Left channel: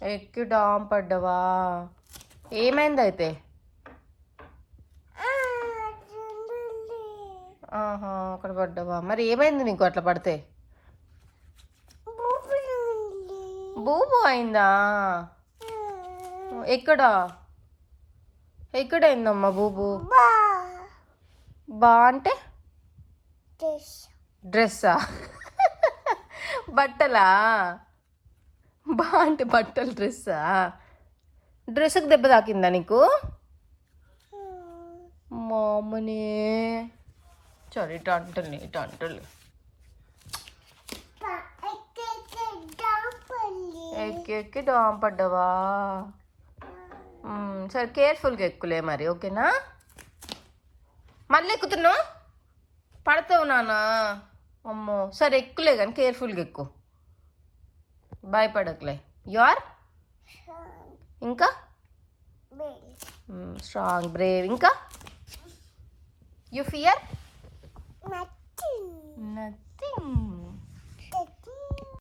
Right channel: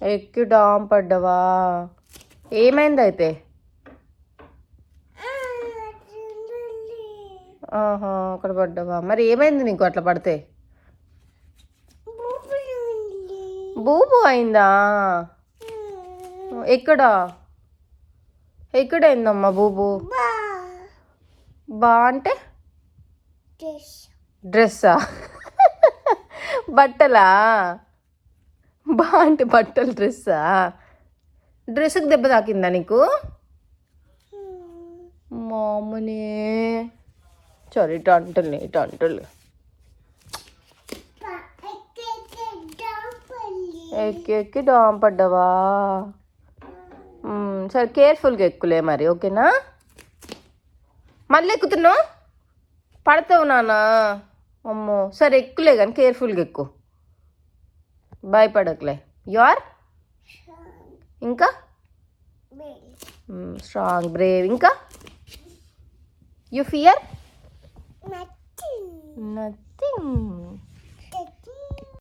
ఎక్కి డామ్ పడ్డవా? ఏమైంది అయితే? ఆహా, అక్కడ పడ్డవా? మరి ఏమైంది నీకు అట్లా పడితే? బూబు అయిందా? ఎక్కడ ఎక్కడైందమ్మా బూబు? బా అంటే డ్రెస్సా? బట్టలా? బా అంటే బట్టలు, డ్రెస్సా? డ్రెస్కి దెబ్బ తాకిందా నీకు? మామని సరే టంటలు ఎక్కి దాం పడ్డావా? సరే కేర్ఫుల్గా ఎక్కులే మరి, ఓకేనా? మళ్ళీ ఎక్కుతున్నావు, పడతావు నాన్న. అమ్మో, సరే ఎక్కులే కానీ కేర్ఫుల్గా ఎక్కువ, భయపడకులే. యూఆర్ ఇంకా స్ట్రాంగ్, బ్రేవ్. ఇంకా యూ ఫియర్?